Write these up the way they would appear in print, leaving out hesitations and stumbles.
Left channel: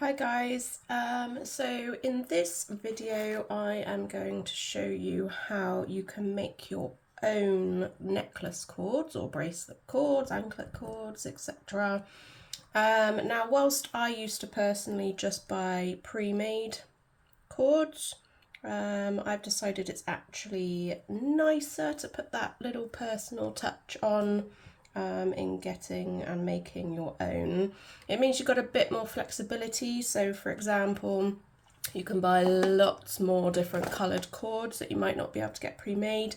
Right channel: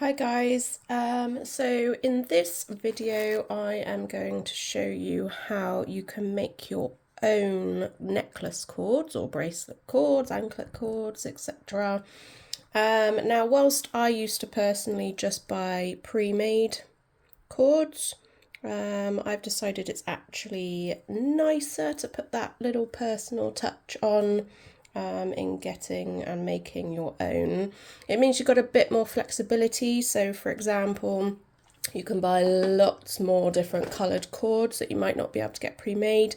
Hi guys, so in this video I am going to show you how you can make your own necklace cords or bracelet cords, anklet cords, etc. Now whilst I used to personally just buy pre-made cords, I've decided it's actually nicer to put that little personal touch on in getting and making your own. It means you've got a bit more flexibility. So, for example, you can buy lots more different coloured cords that you might not be able to get pre-made.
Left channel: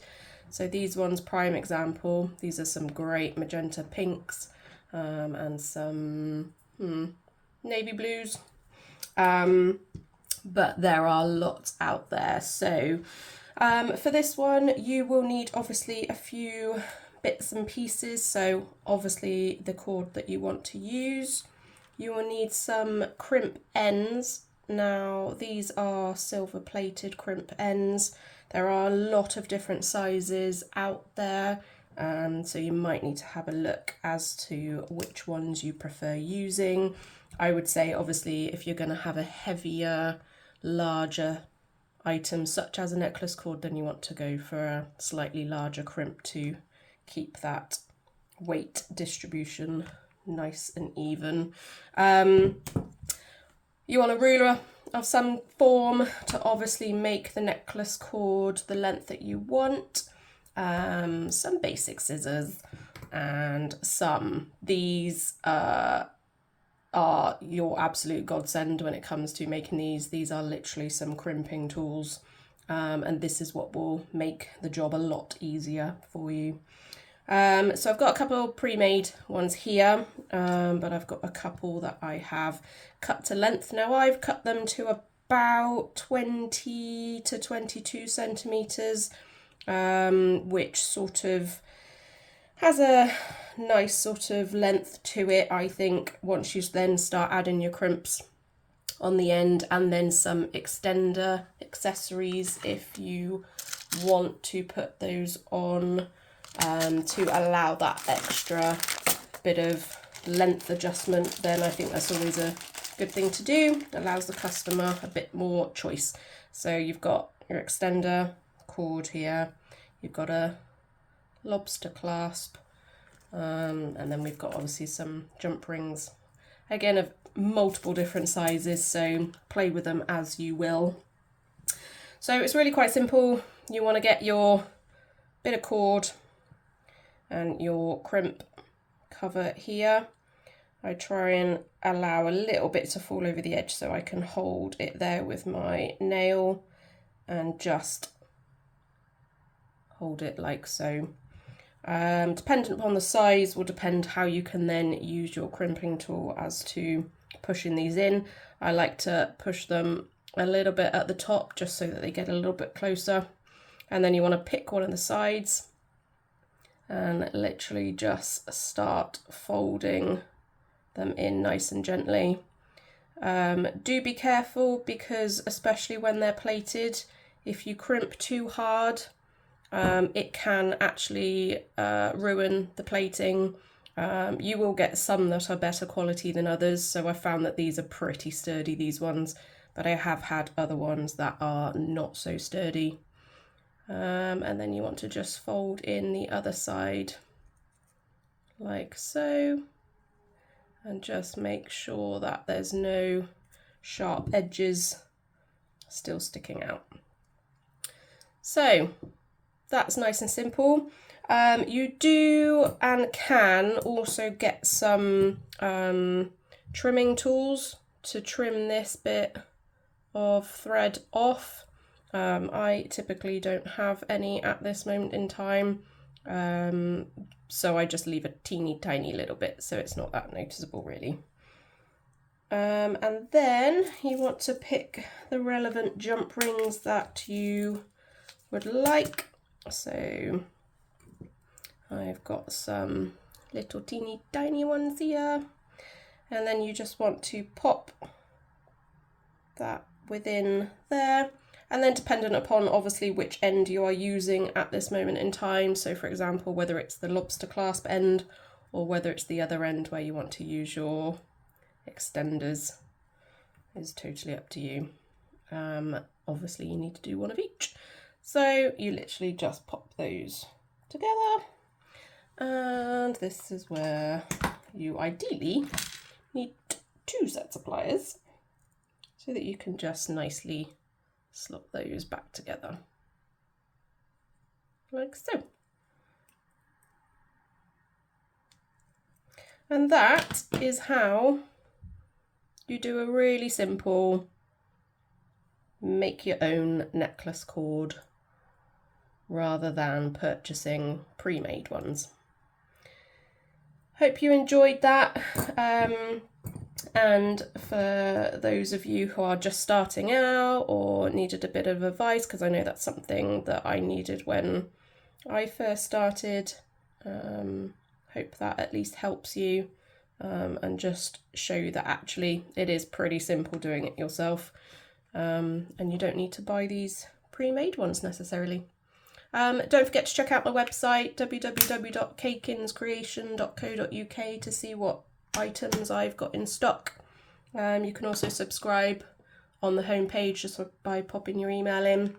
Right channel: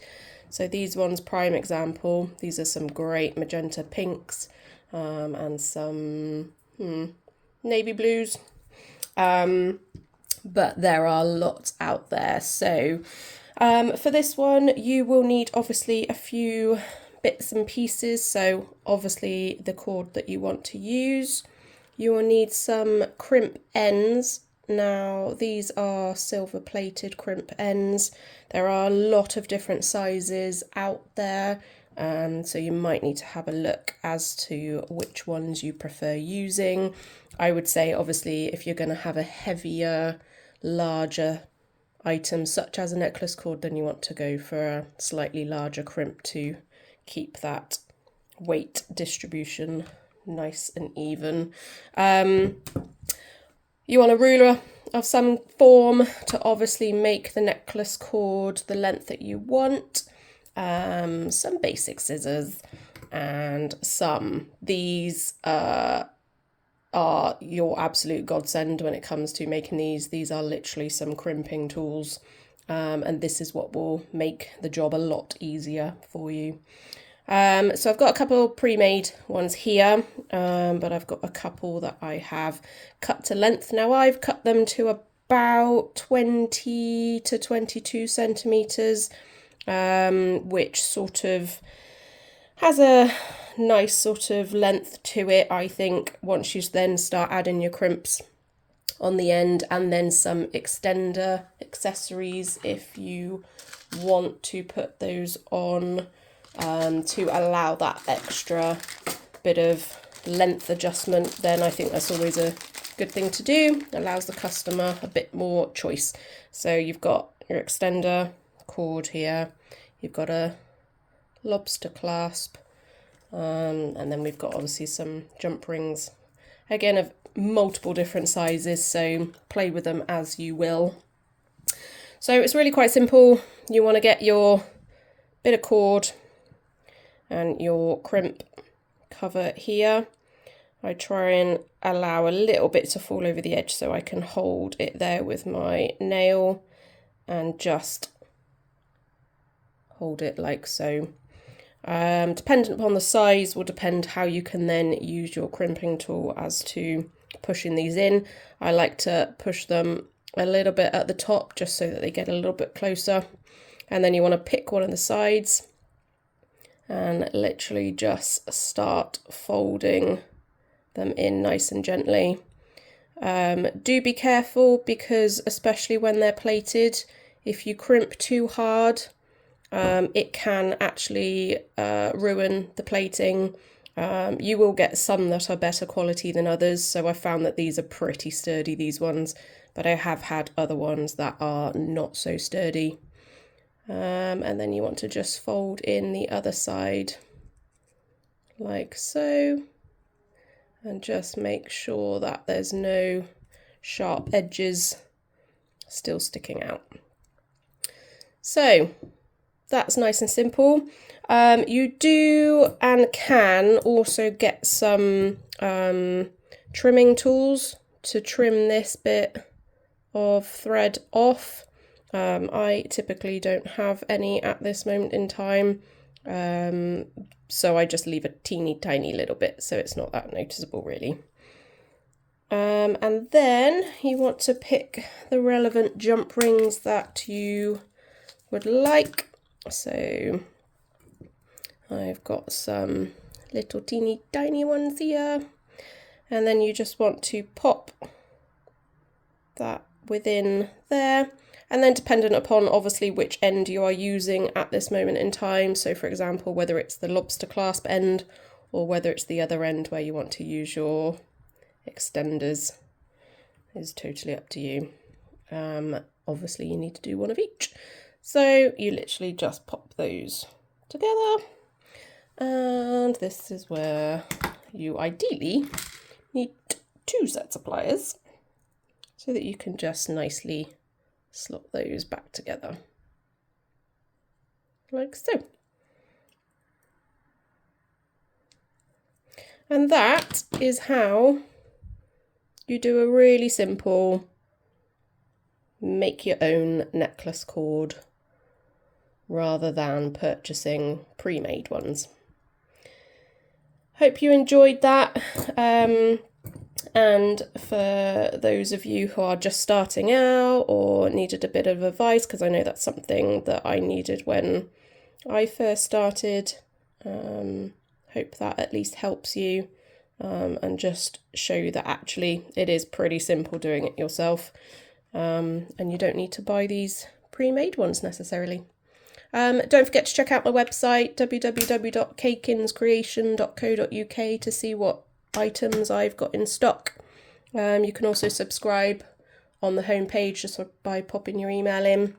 So these ones, prime example, these are some great magenta pinks and some navy blues. But there are lots out there. So for this one, you will need obviously a few bits and pieces. So obviously the cord that you want to use. You will need some crimp ends. Now these are silver plated crimp ends. There are a lot of different sizes out there. So you might need to have a look as to which ones you prefer using. I would say obviously if you're going to have a heavier, larger item such as a necklace cord, then you want to go for a slightly larger crimp to keep that weight distribution nice and even. You want a ruler of some form to obviously make the necklace cord the length that you want. Some basic scissors and some. These are your absolute godsend when it comes to making these. These are literally some crimping tools, and this is what will make the job a lot easier for you. So I've got a couple pre-made ones here, but I've got a couple that I have cut to length. Now I've cut them to about 20 to 22 centimetres, which sort of has a nice sort of length to it, I think, once you then start adding your crimps on the end and then some extender accessories if you want to put those on to allow that extra bit of length adjustment. Then I think that's always a good thing to do. It allows the customer a bit more choice. So you've got your extender cord here, you've got a lobster clasp, and then we've got obviously some jump rings, again of multiple different sizes, so play with them as you will. So it's really quite simple. You want to get your bit of cord and your crimp cover here. I try and allow a little bit to fall over the edge so I can hold it there with my nail and just hold it like so. Dependent upon the size will depend how you can then use your crimping tool as to pushing these in. I like to push them a little bit at the top just so that they get a little bit closer, and then you want to pick one of the sides and literally just start folding them in nice and gently. Do be careful because especially when they're plated, if you crimp too hard, it can actually ruin the plating. You will get some that are better quality than others, so I found that these are pretty sturdy, these ones, but I have had other ones that are not so sturdy. And then you want to just fold in the other side like so, and just make sure that there's no sharp edges still sticking out. So that's nice and simple. You do and can also get some trimming tools to trim this bit of thread off. I typically don't have any at this moment in time, so I just leave a teeny tiny little bit so it's not that noticeable really. And then you want to pick the relevant jump rings that you would like. So I've got some little teeny tiny ones here, and then you just want to pop that within there, and then dependent upon obviously which end you are using at this moment in time, so for example whether it's the lobster clasp end or whether it's the other end where you want to use your extenders, is totally up to you. Obviously you need to do one of each. So you literally just pop those together, and this is where you ideally need 2 sets of pliers so that you can just nicely slot those back together like so. And that is how you do a really simple make your own necklace cord rather than purchasing pre-made ones. Hope you enjoyed that. And for those of you who are just starting out or needed a bit of advice, because I know that's something that I needed when I first started, hope that at least helps you, and just show you that actually it is pretty simple doing it yourself, and you don't need to buy these pre-made ones necessarily. Don't forget to check out my website www.cakinscreation.co.uk to see what items I've got in stock. You can also subscribe on the homepage just by popping your email in.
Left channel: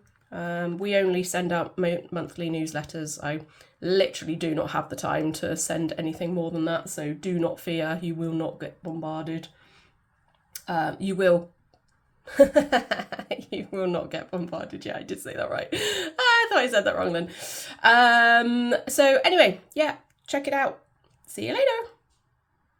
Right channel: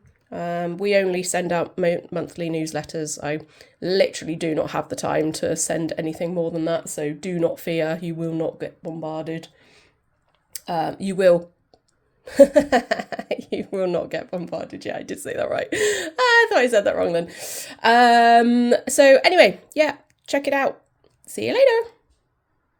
We only send out monthly newsletters. I literally do not have the time to send anything more than that, so do not fear, you will not get bombarded. You will. You will not get bombarded. Yeah, I did say that right. I thought I said that wrong then. So anyway, yeah, check it out. See you later.